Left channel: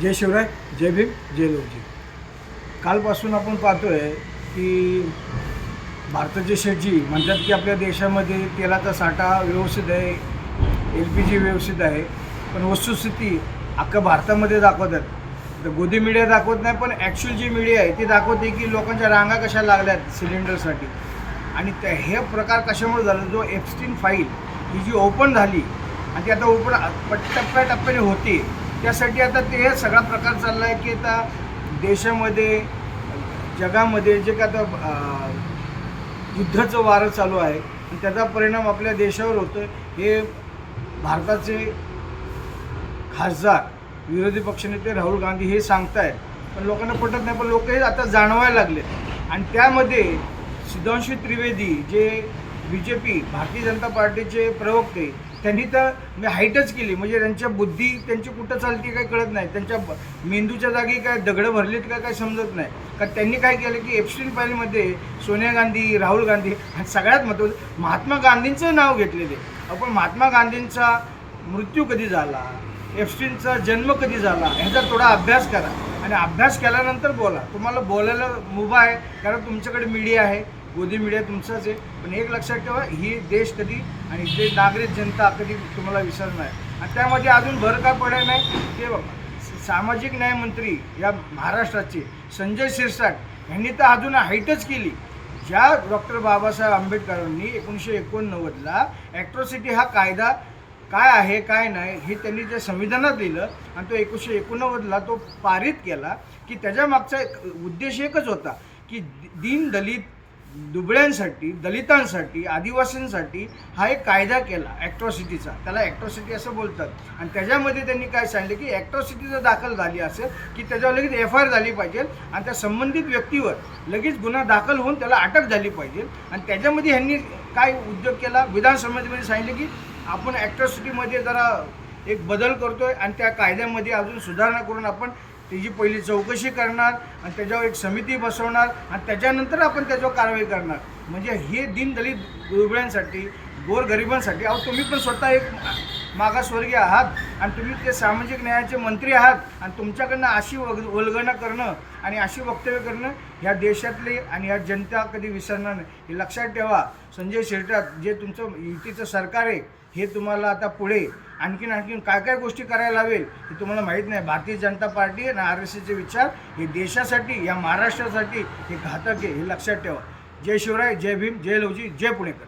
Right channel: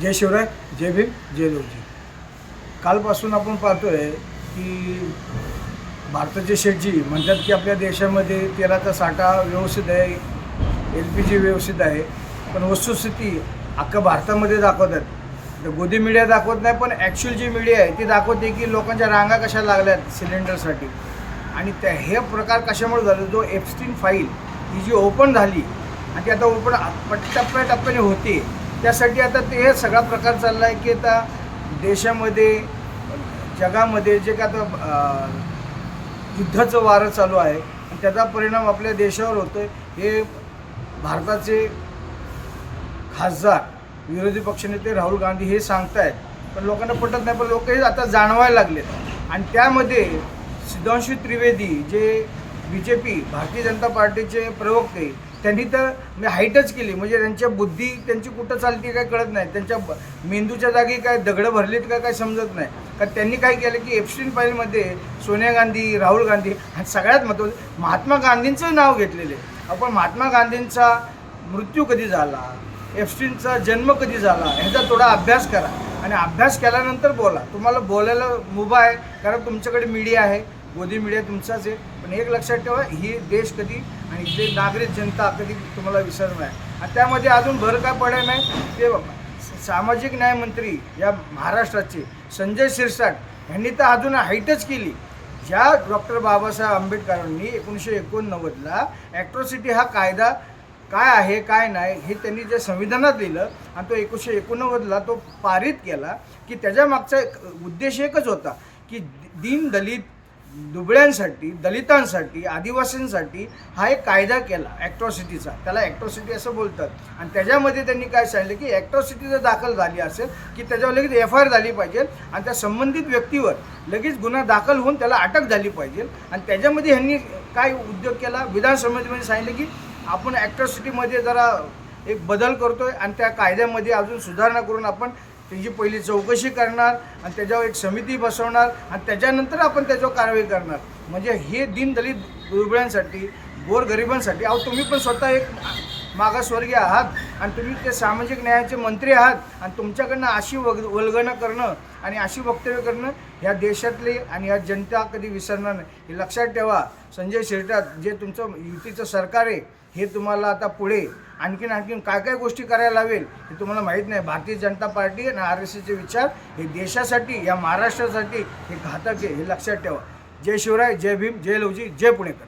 जय शिवराय, जय भीम, जय लवजी. कालपासून आपण पाहतोय की भारताचे शेठजी म्हणतात की आपल्या देशामध्ये तेलाचा साठा व्यवस्थित आहे, LPG व्यवस्थित आहे. पण वस्तुस्थिती अख्खा भारतामध्ये दाखवतात. तर गोदी मीडिया दाखवत नाही, पण ॲक्च्युअल जी मीडिया आहे ती दाखवते की लोकांच्या रांगा कशा लागल्यात सिलेंडरसाठी. आणि हे प्रकार कशामुळे झालं, जो एप्स्टीन फाईल ही जी ओपन झाली आणि ती आता ओपन टप्प्याटप्प्याने होते, त्यासाठी आता ते हे सगळा प्रकार चालला आहे की आता देशामध्ये जगामध्ये जे काय आता युद्धाचं वारं चालू आहे आणि त्याचा परिणाम आपल्या देशावर होतो. हे भारताचे खासदार विरोधी पक्षनेते राहुल गांधी हे सांगतायत, पण लोकांना पटत नाही. पण लोक हे आता जाणवायला लागलेत. आणि त्यामध्ये सुधांशू त्रिवेदी जे BJP भारतीय जनता पार्टीचे प्रवक्ते, त्यांनी तर मी हाईटच केली. म्हणजे त्यांच्या बुद्धी त्यांची कुठं चालते काय कळत नाही. त्यांच्या मेंदूच्या जागी काय दगडं भरलीत का काय समजत नाही. कारण त्यांनी काय केलं की एप्स्टीन फाईलमध्ये सोनिया गांधी, राहुल गांधी आणि सगळ्यात महत्त्वाचं महात्मा गांधींचं नाव घेतलेले. आपण महात्मा गांधींचा मृत्यू कधी झाला, एप्स्टीनचा जन्म कधी झाला ह्याचा थोडा अभ्यास करा आणि अभ्यास केल्यानंतर बोला. तुम्हाला बोलायला मुभा आहे कारण तुमच्याकडे मीडिया आहे, गोदी मीडिया तुमचाच आहे. पण एक लक्षात ठेवा, ही देश कधी आणि जे नागरिक जनता कधी तुम्हाला विसरणार नाही. आणि त्यामध्ये अजून भर काय पडायला नाही ते बघा. सामाजिक न्याय मंत्री या महाराष्ट्राचे संजय शिरसाट यांनी तर अजून हाईटच केली. ज्या डॉक्टर बाबासाहेब आंबेडकरांनी 1989ला ॲट्रॉसिटी हा कायदा काय आहे काय नाही हे त्यांनी जे संविधानात लिहिलं आणि तो 1989ला तो पारित केला की त्याच्या मागचा उद्देश एकच होता की दीन दलित दुबळ्यांसाठी, दलितांसाठी, आदिवासींसाठी हा एक कायदा केला ॲट्रॉसिटीचा. त्याला ॲट्रॉसिटी असं बोलतात. आणि त्याच्यामध्ये त्यांनी काय सांगितलं की ॲट्रॉसिटी जर दाखल झाली असेल की त्याच्यावर लगेच FIR झाली पाहिजे आणि त्या संबंधित व्यक्तीवर लगेच गुन्हा दाखल होऊन त्याला अटक झाली पाहिजे. आणि त्याच्यामध्ये ह्यांनी काय उद्योग केला, विधानसभेमध्ये सांगितलं की आपण ॲट्रॉसिटीमध्ये जरा एक बदल करतोय आणि त्या कायद्यामध्ये अजून सुधारणा करून आपण त्याची पहिली चौकशी करणार आणि त्याच्यावर एक समिती बसवणार आणि त्याच्यानंतर आपण त्याच्यावर कारवाई करणार. म्हणजे हे दीनदलित दुबळ्यांसाठी, गोरगरिबांसाठी. अहो तुम्ही पण स्वतः एक मागासवर्गीय आहात आणि तुम्ही ते सामाजिक न्यायाचे मंत्री आहात आणि तुमच्याकडनं अशी वल्गना करणं आणि अशी वक्तव्य करणं ह्या देशातले आणि ह्या जनता कधी विसरणार नाही. हे लक्षात ठेवा. संजय शिरसाट जे तुमचं युतीचं सरकार आहे हे तुम्हाला आता पुढे आणखीन काय काय गोष्टी करायला लावेल हे तुम्हाला माहीत नाही. भारतीय जनता पार्टी आणि RSSचे विचार हे देशासाठी, या महाराष्ट्रासाठी हे घातक आहे, हे लक्षात ठेवा. जय शिवराय, जय भीम, जय लवजी, जय पुणेकर.